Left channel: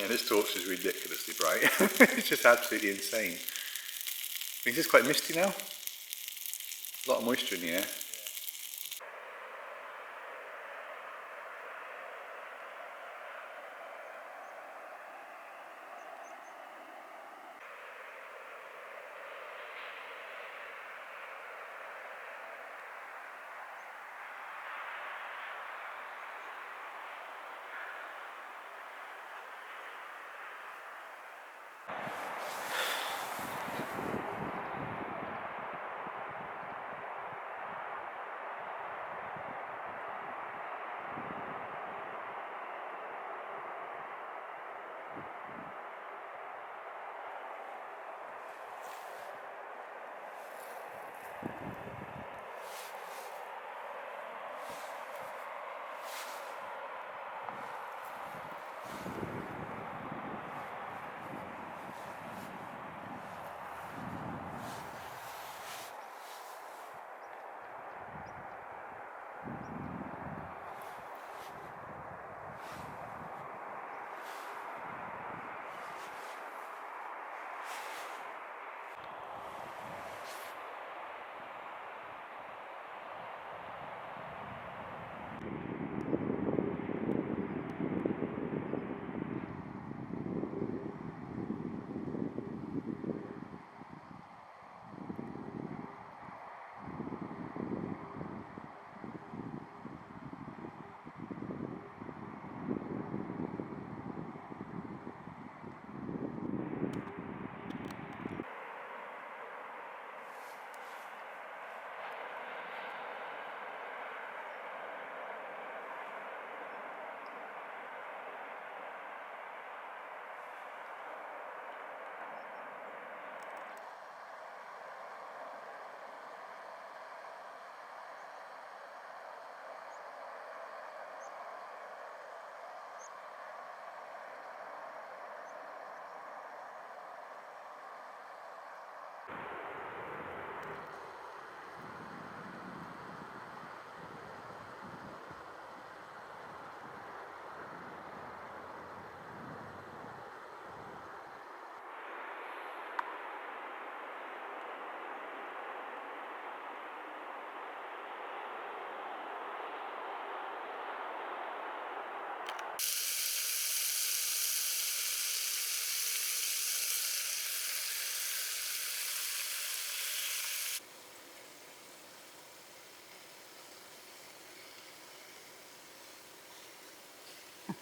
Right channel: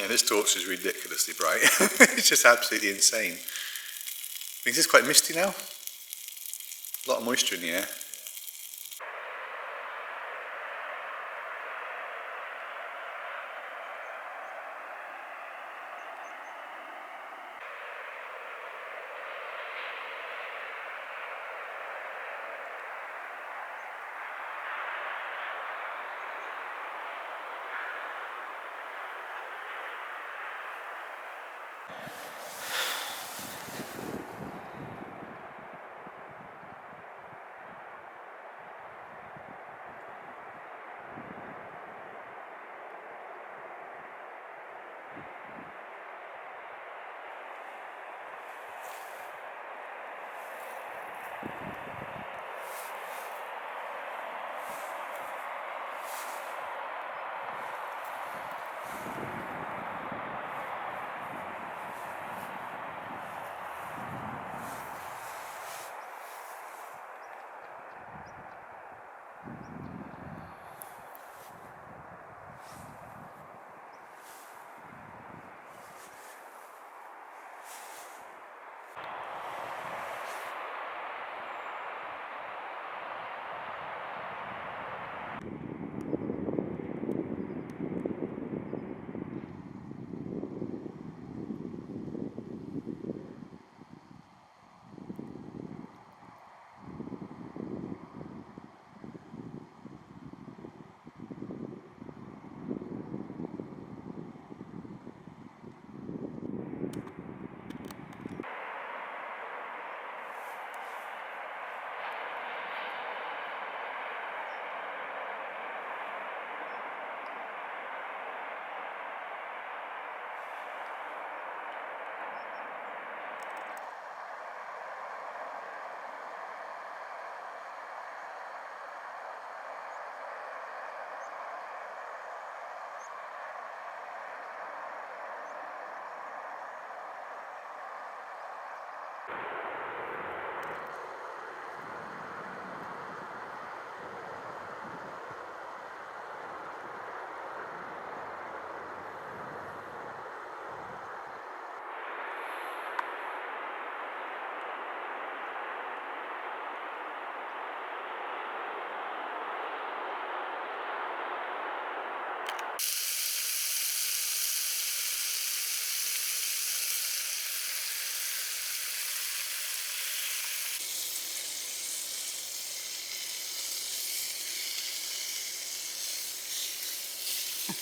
Yeah, this torch is ridiculously bright. It's just absolutely insane. I think it's quite misty now. A lot of moisture in the air.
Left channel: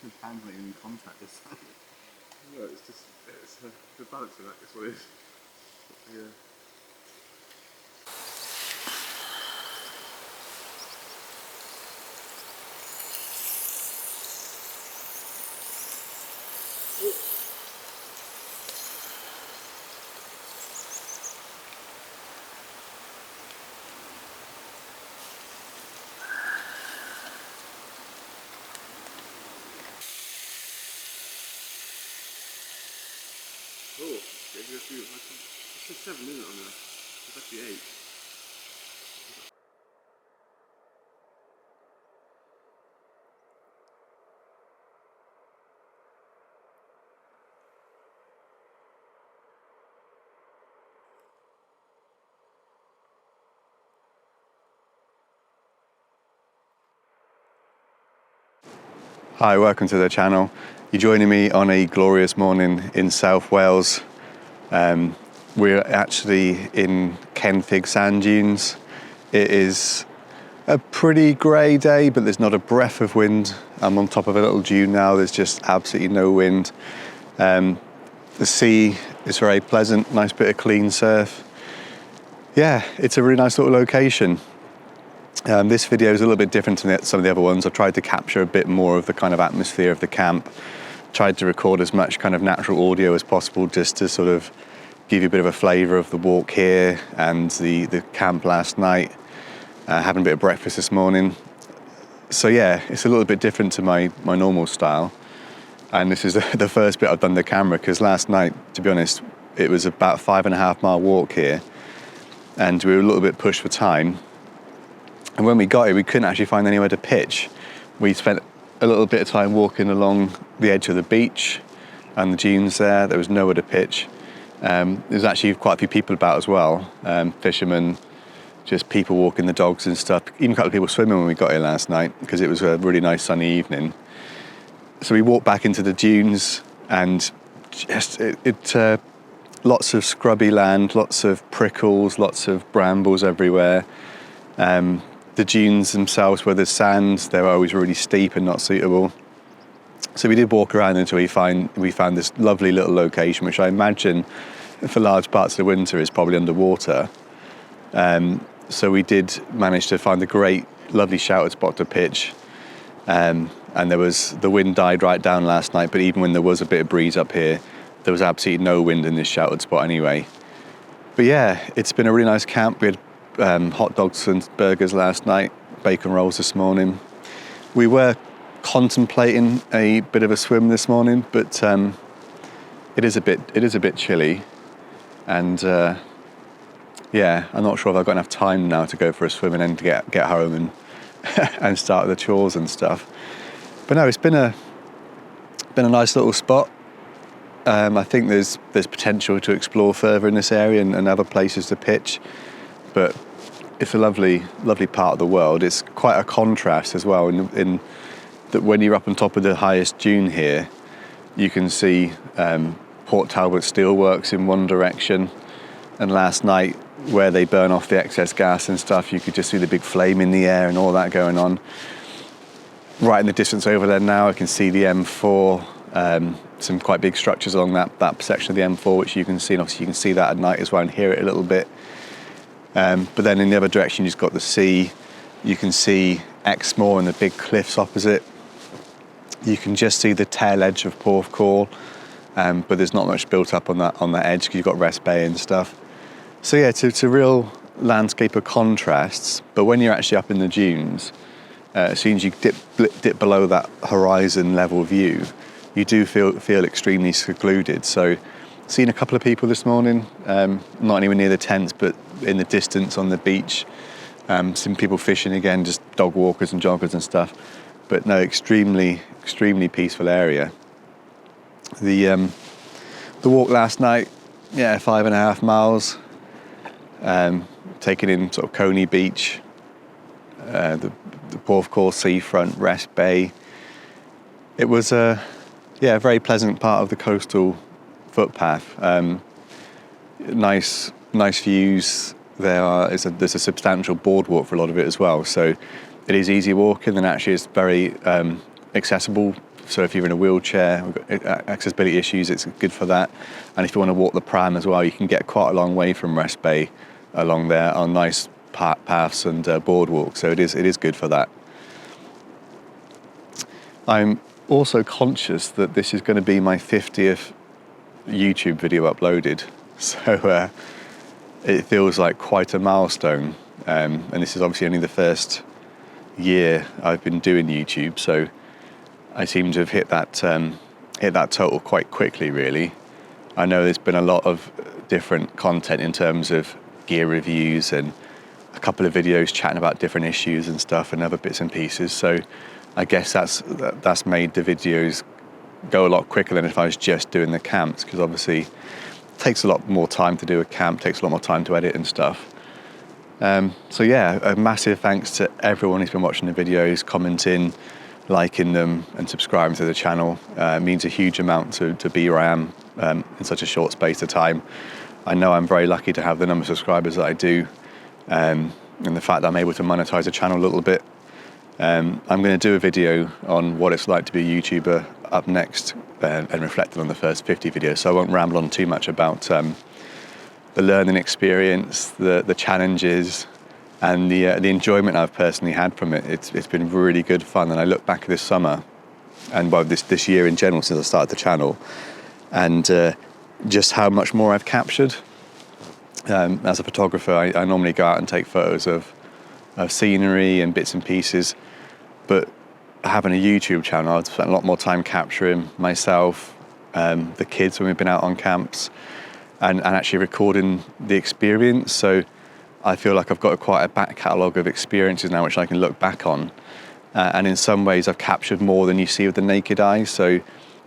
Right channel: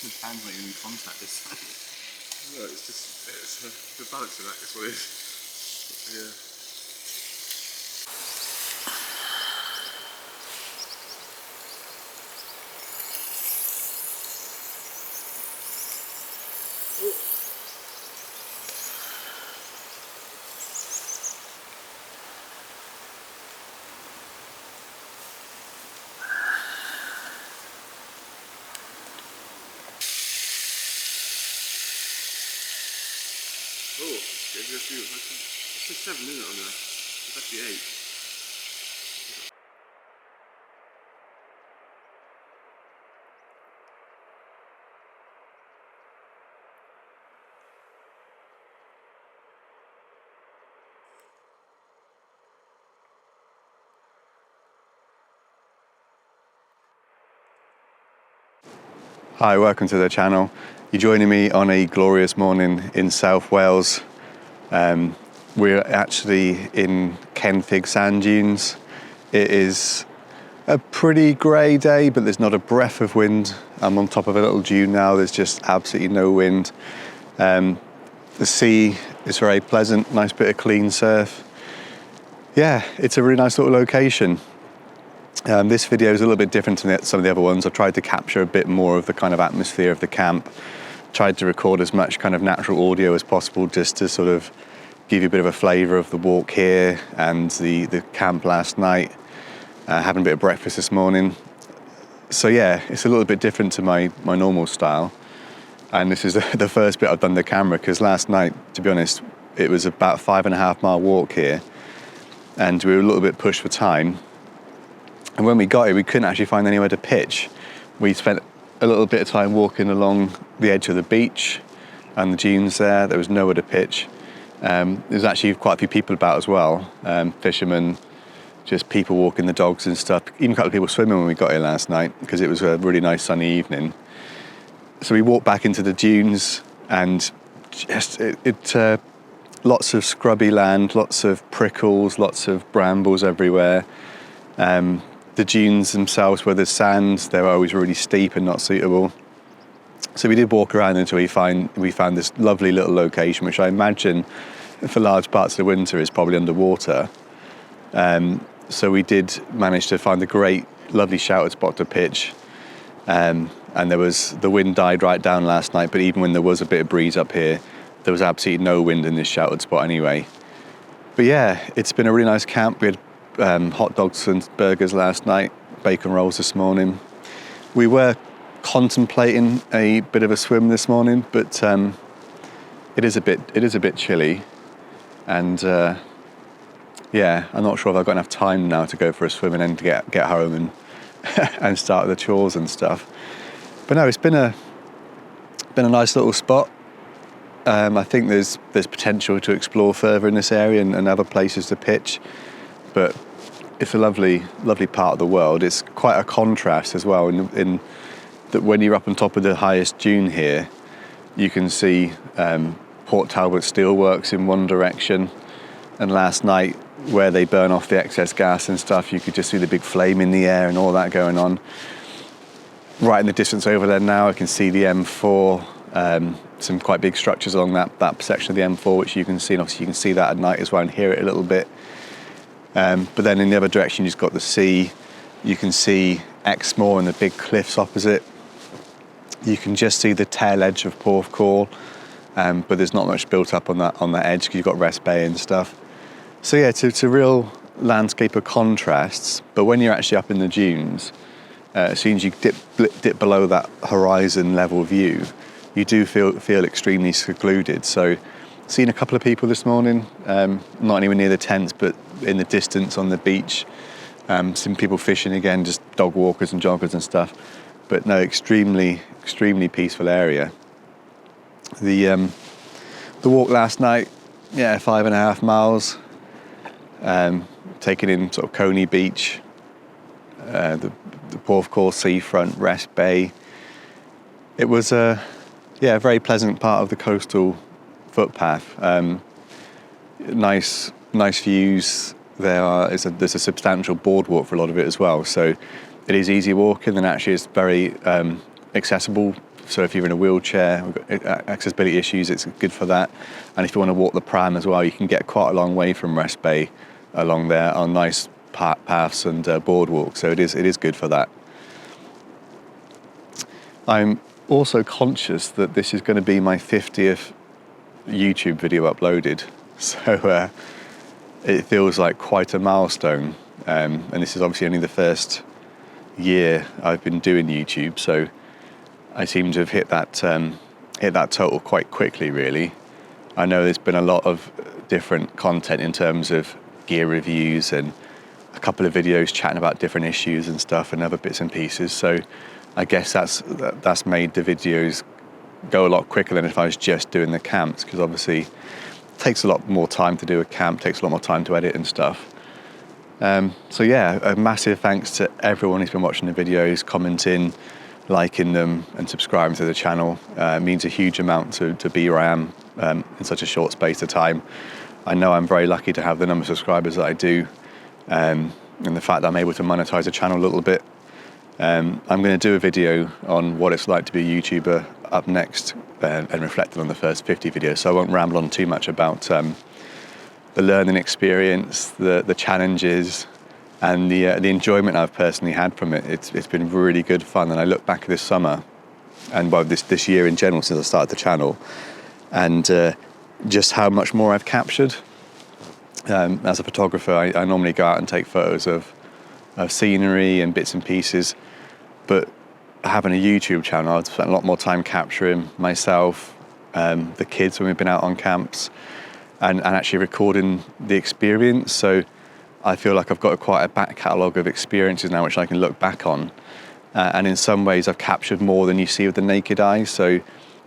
The hand's not even in contact this time. No, it's just the balance of that is what it is. Yeah. Oh, it's a 7, isn't it, on there? It's actually 8. Hi, welcome to the channel. You're joining me on a glorious morning in South Wales. We're actually in Kenfig Dunes. It is a pretty grey day, but there's not a breath of wind. I'm on top of a little dune now, there's just absolutely no wind. The sea is very pleasant, nice bit of clean surf. Yeah, it's a really nice little location. This video is a little bit different to some of the other ones. I've tried to capture a bit more of the kind of atmosphere of the camp. Tried to record as much kind of natural audio as possible just to sort of give you a bit of a flavour of the walk here and the camp last night. Having a bit of breakfast this morning. So yeah, it's a little bit different to my normal style. And this is the first bit I've done the camera, because last night, to be honest, it was about a 5.5 mile walk here. And we were a little bit pushed for time. And when we got here, we couldn't actually find anywhere to pitch. We spent a little bit of time walking along the edge of the beach, and the dunes there. There was nowhere to pitch. There's actually quite a few people about as well, fishermen, just people walking the dogs and stuff. Even a couple of people swimming when we got here last night because it was a really nice sunny evening. So we walked back into the dunes and just lots of scrubby land, lots of prickles, lots of brambles everywhere. The dunes themselves, where there's sand, they're always really steep and not suitable. So we did walk around until we found this lovely little location, which I imagine for large parts of the winter is probably underwater. So we did manage to find a great, lovely sheltered spot to pitch. And the wind died right down last night, but even when there was a bit of breeze up here, there was absolutely no wind in this sheltered spot anyway. But yeah, it's been a really nice camp. We had hot dogs and burgers last night, bacon rolls this morning. We were contemplating a bit of a swim this morning, but it is a bit chilly, and yeah, I'm not sure if I've got enough time now to go for a swim and then to get home and and start the chores and stuff. But no, it's been a nice little spot. I think there's potential to explore further in this area and other places to pitch, but it's a lovely part of the world. It's quite a contrast as well in that when you're up on top of the highest dune here, you can see Port Talbot steelworks in one direction, and last night where they burn off the excess gas and stuff, you could just see the big flame in the air and all that going on. Right in the distance over there now, I can see the M4, some quite big structures along that section of the M4, which you can see, and obviously you can see that at night as well and hear it a little bit. But then in the other direction, you've got the sea. You can see Exmoor and the big cliffs opposite. You can just see the tail edge of Porthcawl, but there's not much built up on that edge because you've got Rest Bay and stuff. So yeah, it's a real landscape of contrasts. But when you're actually up in the dunes, as soon as you dip below that horizon level view, you do feel extremely secluded. So, seen a couple of people this morning, not anywhere near the tents, but in the distance on the beach. Some people fishing again, just dog walkers and joggers and stuff. But no, extremely peaceful area. The walk last night, 5.5 miles. Taking in sort of Coney Beach, the Porthcawl seafront, Rest Bay. It was a very pleasant part of the coastal footpath. Nice views. There's a substantial boardwalk for a lot of it as well. So it is easy walking, and actually it's very accessible. So if you're in a wheelchair, we've got accessibility issues, it's good for that. And if you want to walk the pram as well, you can get quite a long way from Rest Bay along there on nice paths and boardwalks. So it is good for that. I'm also conscious that this is going to be my 50th YouTube video uploaded. So it feels like quite a milestone. And this is obviously only the first year I've been doing YouTube. So I seem to have hit that total quite quickly, really. I know there's been a lot of different content in terms of gear reviews and a couple of videos chatting about different issues and stuff and other bits and pieces. So I guess that's made the videos go a lot quicker than if I was just doing the camps, because obviously it takes a lot more time to do a camp, takes a lot more time to edit and stuff. So yeah, a massive thanks to everyone who's been watching the videos, commenting, liking them and subscribing to the channel. It means a huge amount to be where I am in such a short space of time. I know I'm very lucky to have the number of subscribers that I do, and the fact that I'm able to monetize the channel a little bit. I'm going to do a video on what it's like to be a YouTuber up next, and reflecting on the first 50 videos, so I won't ramble on too much about the learning experience, the challenges, and the enjoyment I've personally had from it. It's been really good fun, and I look back at this summer, and well, this year in general since I started the channel, and just how much more I've captured. As a photographer, I normally go out and take photos of scenery and bits and pieces, but having a YouTube channel, I've spent a lot more time capturing myself, the kids when we've been out on camps, and actually recording the experience. So I feel like I've got quite a back catalogue of experiences now which I can look back on, and in some ways I've captured more than you see with the naked eye. So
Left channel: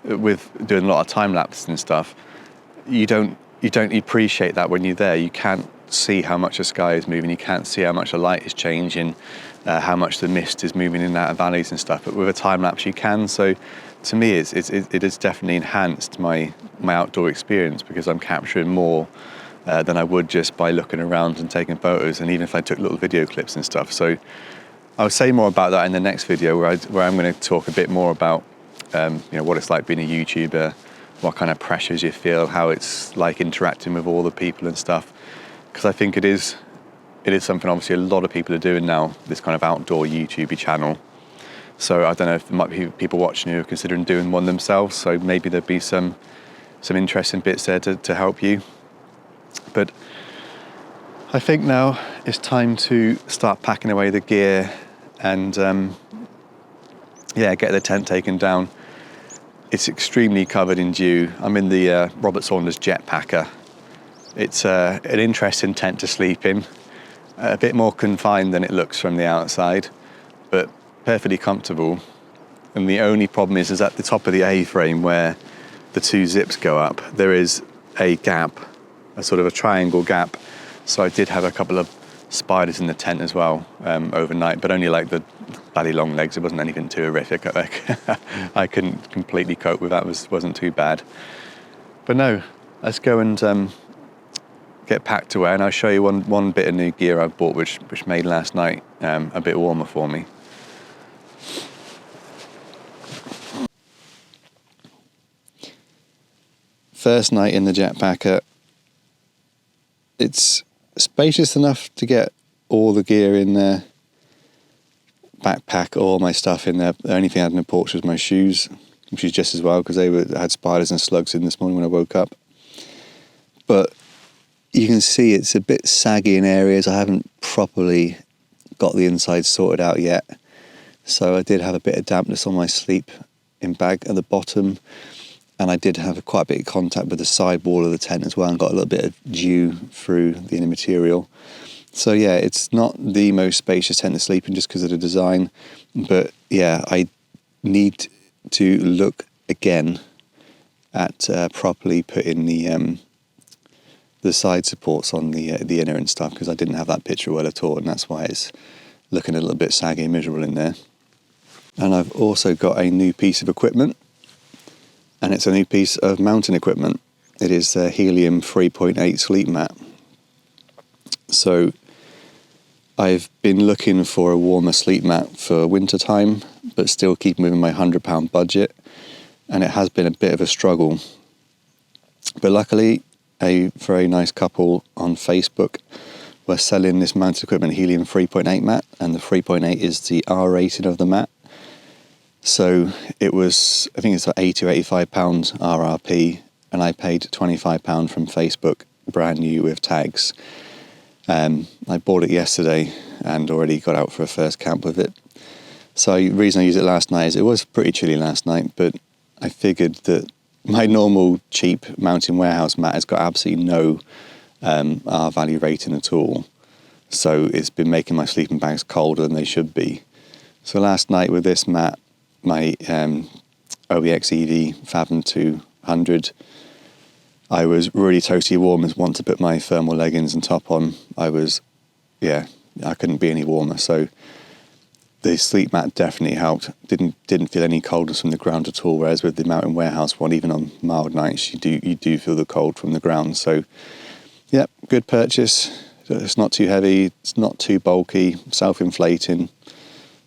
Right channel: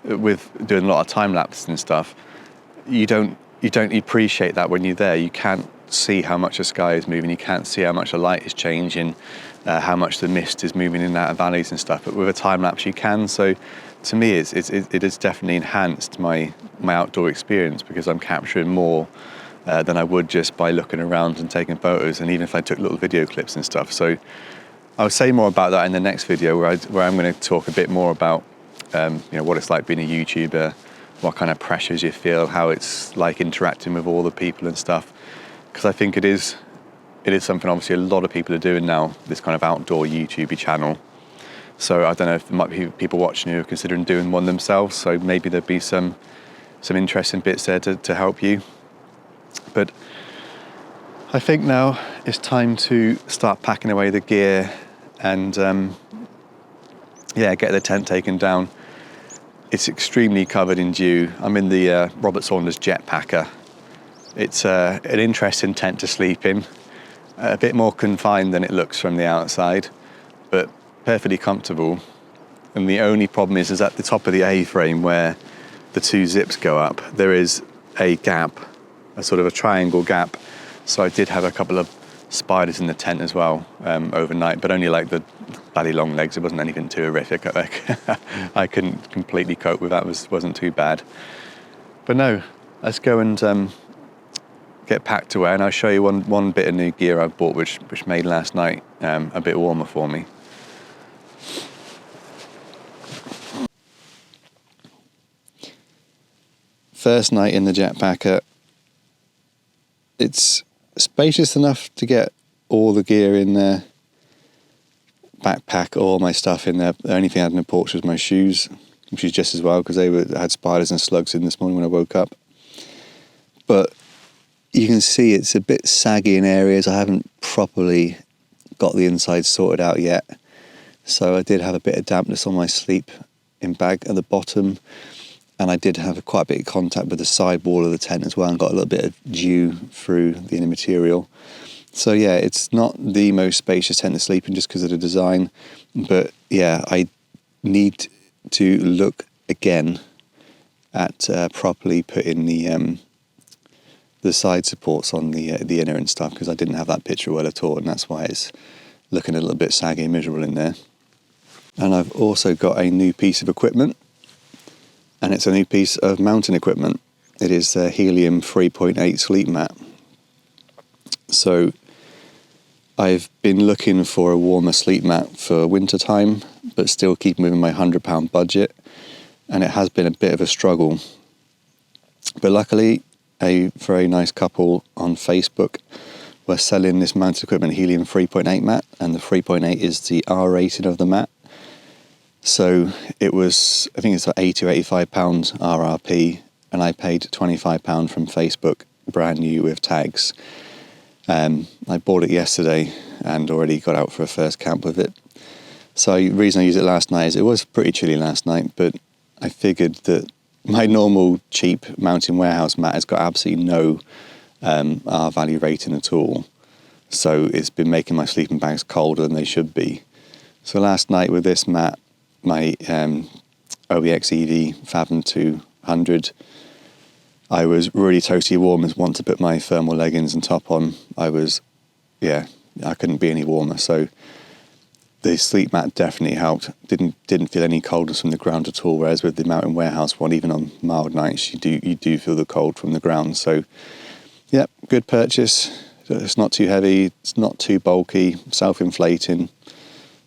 with doing a lot of time lapses and stuff, you don't appreciate that when you're there. You can't see how much the sky is moving. You can't see how much the light is changing, how much the mist is moving in and out of valleys and stuff. But with a time lapse, you can. So to me, it has definitely enhanced my outdoor experience, because I'm capturing more than I would just by looking around and taking photos, and even if I took little video clips and stuff. So I'll say more about that in the next video, where I'm going to talk a bit more about what it's like being a YouTuber, what kind of pressures you feel, how it's like interacting with all the people and stuff. Because I think it is something obviously a lot of people are doing now, this kind of outdoor YouTube channel. So I don't know if there might be people watching who are considering doing one themselves, so maybe there'd be some interesting bits there to help you. But I think now it's time to start packing away the gear and get the tent taken down. It's extremely covered in dew. I'm in the Robert Saunders Jetpacker. It's an interesting tent to sleep in, a bit more confined than it looks from the outside, but perfectly comfortable. And the only problem is at the top of the A-frame, where the two zips go up, there is a gap, a sort of a triangle gap. So I did have a couple of spiders in the tent as well overnight, but only like the bloody long legs. It wasn't anything too horrific. I couldn't completely cope with that. Wasn't too bad. But no, let's go and get packed away, and I'll show you one bit of new gear I bought, which made last night a bit warmer for me. First night in the Jetpacker. It's spacious enough to get all the gear in there. Backpack, all my stuff in there. The only thing I had in the porch was my shoes, which is just as well, because they had spiders and slugs in this morning when I woke up. But you can see it's a bit saggy in areas. I haven't properly got the inside sorted out yet. So I did have a bit of dampness on my sleeping bag at the bottom. And I did have quite a bit of contact with the side wall of the tent as well, and got a little bit of dew through the inner material. So yeah, it's not the most spacious tent to sleep in just because of the design. But yeah, I need to look again at properly putting the side supports on the inner and stuff, because I didn't have that picture well at all, and that's why it's looking a little bit saggy and miserable in there. And I've also got a new piece of equipment. And it's a new piece of mountain equipment. It is a Helium 3.8 sleep mat. So I've been looking for a warmer sleep mat for winter time, but still keeping within my £100 budget. And it has been a bit of a struggle. But luckily, a very nice couple on Facebook were selling this mountain equipment Helium 3.8 mat, and the 3.8 is the R rating of the mat. So it was, I think it's like £80 or £85 RRP, and I paid £25 from Facebook, brand new with tags. I bought it yesterday and already got out for a first camp with it. So the reason I used it last night is it was pretty chilly last night, but I figured that my normal cheap Mountain Warehouse mat has got absolutely no R value rating at all. So it's been making my sleeping bags colder than they should be. So last night with this mat, my OBX EV Fathom 200, I was really toasty warm and wanted to put my thermal leggings and top on. I couldn't be any warmer. So the sleep mat definitely helped. Didn't feel any coldness from the ground at all. Whereas with the Mountain Warehouse one, even on mild nights, you do feel the cold from the ground. So yeah, good purchase. It's not too heavy. It's not too bulky. Self-inflating.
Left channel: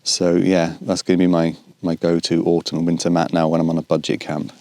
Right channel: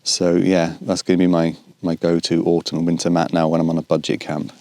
So yeah, that's going to be my go-to autumn and winter mat now when I'm on a budget camp.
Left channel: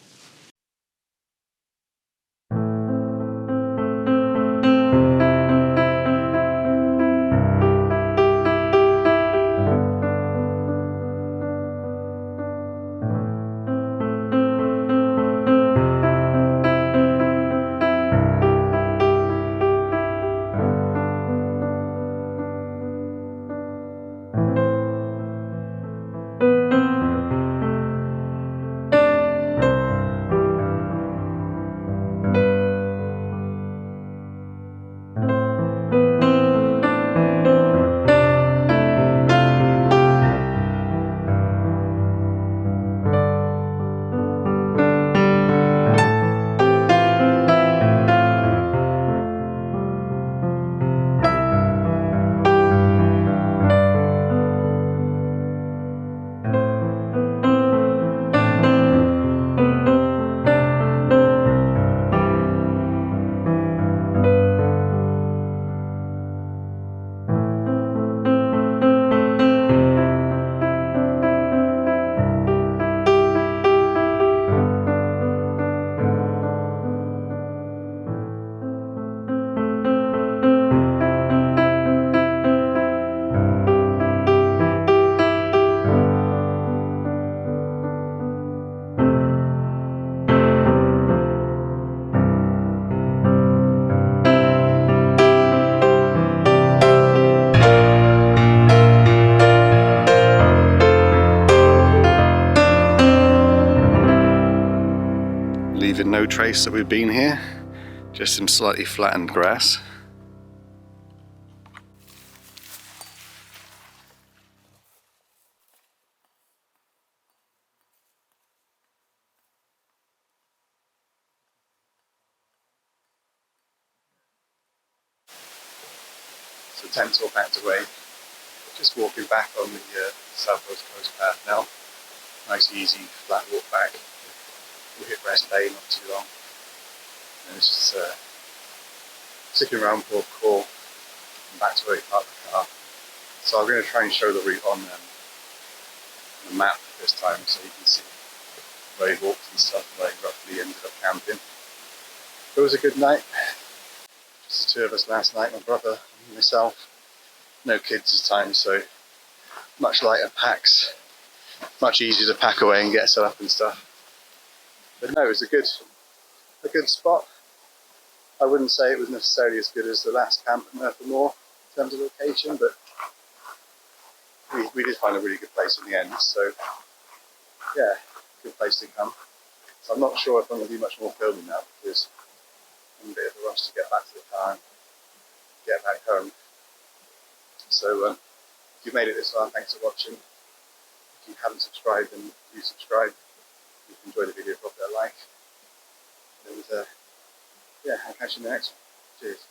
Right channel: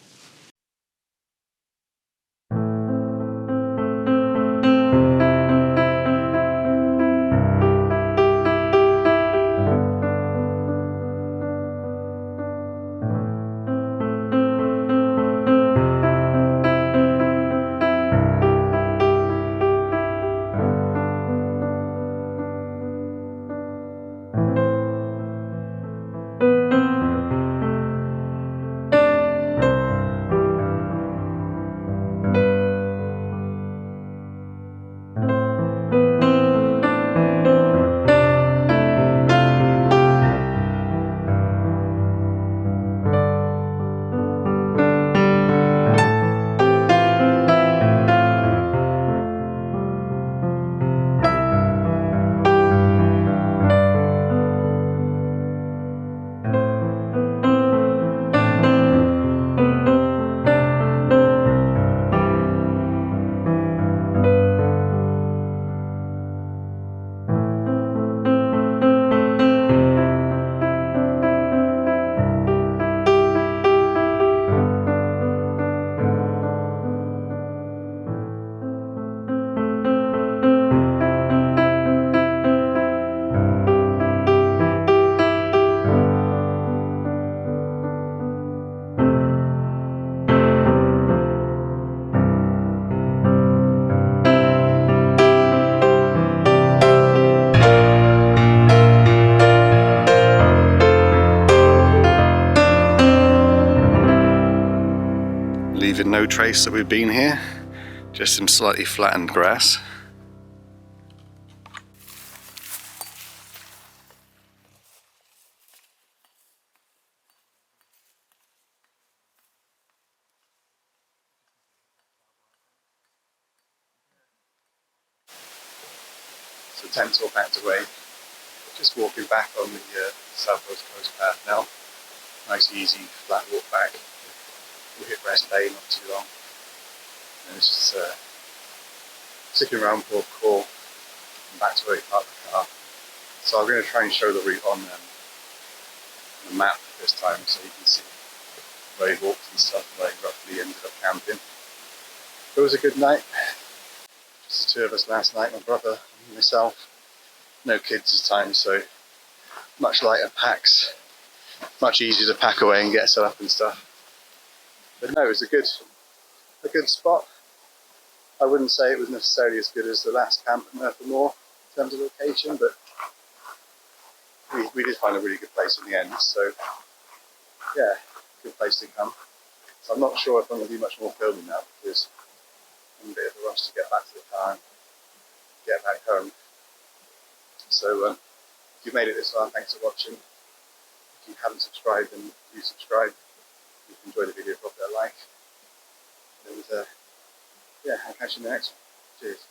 no trace that we've been here, just some slightly flattened grass. So tent's all packed away. Just walking back on the South Wales Coast path now. Nice easy flat walk back. We'll hit rest day, not too long. And it's just sticking around Porthcawl and back to where we parked the car. So I'm going to try and show the route on the map this time so you can see where he walked and stuff, where he roughly ended up camping. It was a good night. Just the two of us last night, my brother and myself. No kids this time, so much lighter packs. Much easier to pack away and get set up and stuff. But no, it was a good spot. I wouldn't say it was necessarily as good as the last camp at Merthyr Moor in terms of location, but we did find a really good place in the end. So yeah, good place to come. So I'm not sure if I'm going to do much more filming now because I'm in a bit of a rush to get back to the car and get back home. So if you've made it this far, thanks for watching. If you haven't subscribed, then do subscribe. If you enjoyed the video, drop it a like. And yeah, I'll catch you in the next one. Cheers.